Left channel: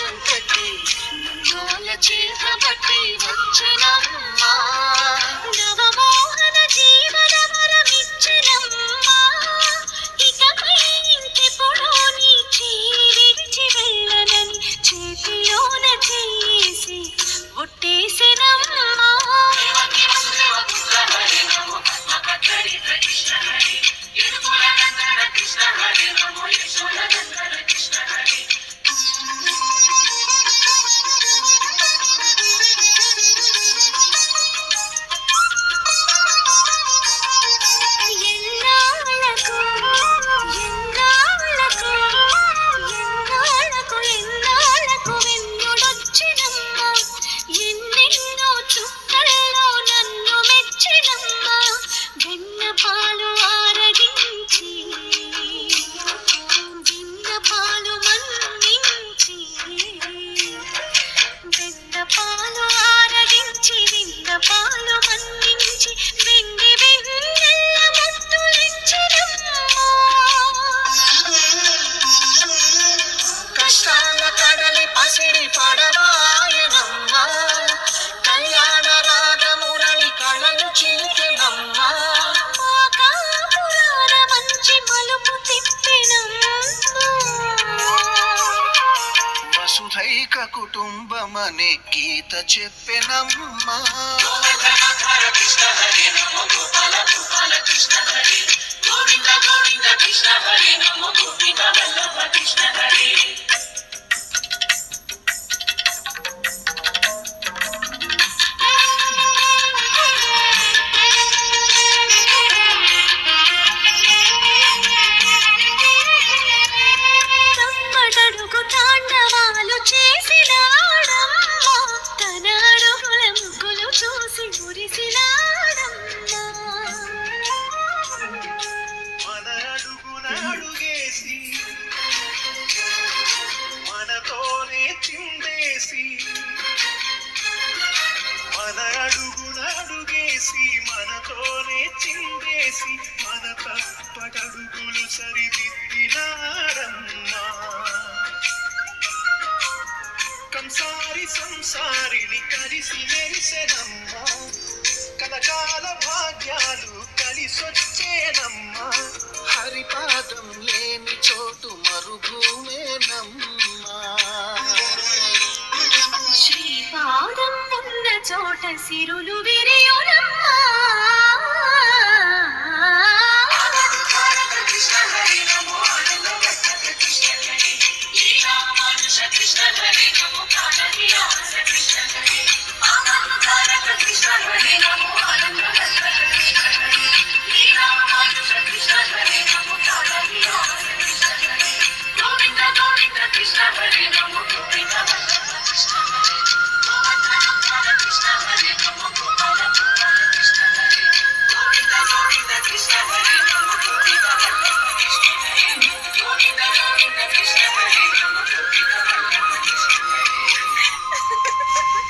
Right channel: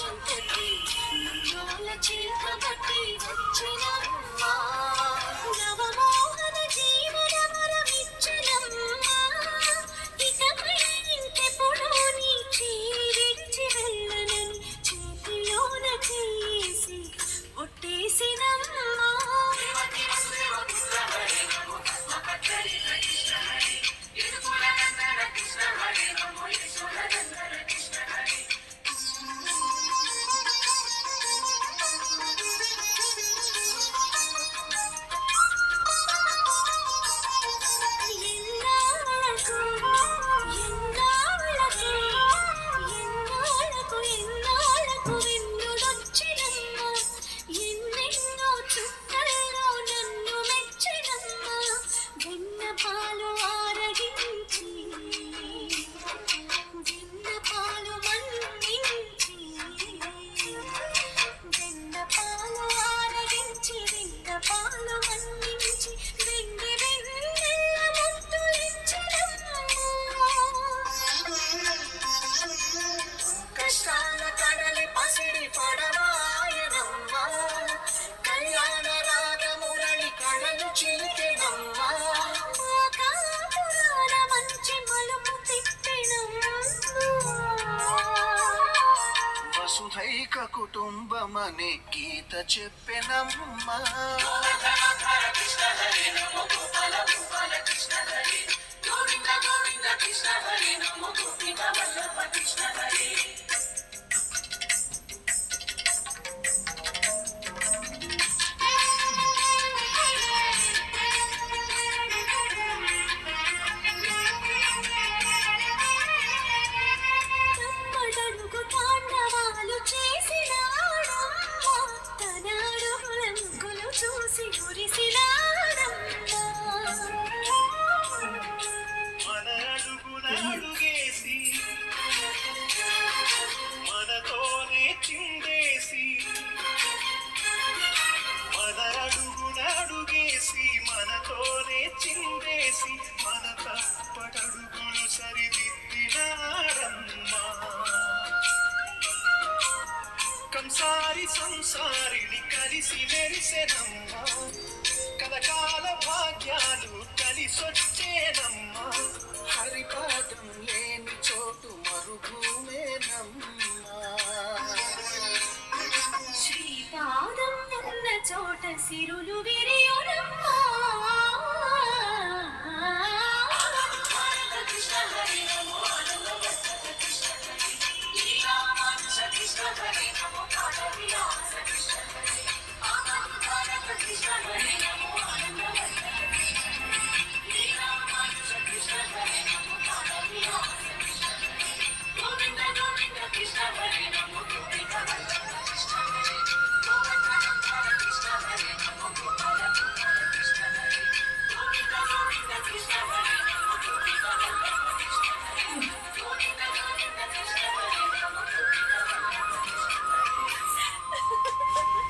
చెంతకి నాల చేతబట్టి వచ్చనమ్మా నవమోహన జీవన వరమిచ్చనమ్మా ఇకపై ఇంకెప్పుడు నీ చేయి విడిచి వెళ్ళనని చేతిలోన చేసి ఒట్టేసెనమ్మా వసుధైక కుటుంబమనే గీత చెప్పెనమ్మా కృష్ణ హరే నమో గోపాల గోపాల కృష్ణ హరే గోవింద గోవింద కృష్ణ హరే నమో గోపిక వల్లభ కృష్ణ హరే మనతోనే చిందేసి మన అడుగునడుగేసి మనతోనే చిందేసి మన తప్పటడుగులు సరిదిద్దినాడమ్మా కంసారి సంసారిని కలిసి మెరిసెనమ్మా కలకాల భాగ్యాలు కలిసొచ్చేనమ్మా హరిపాదం లేని చోటు మరుభూమేనమ్మా శ్రీపాదం ఉన్న చోట సిరులు విరియునమ్మా కృష్ణ హరి నమో కృష్ణ హరి కృష్ణ హరి నమో కృష్ణ హరి కృష్ణ హరి నమో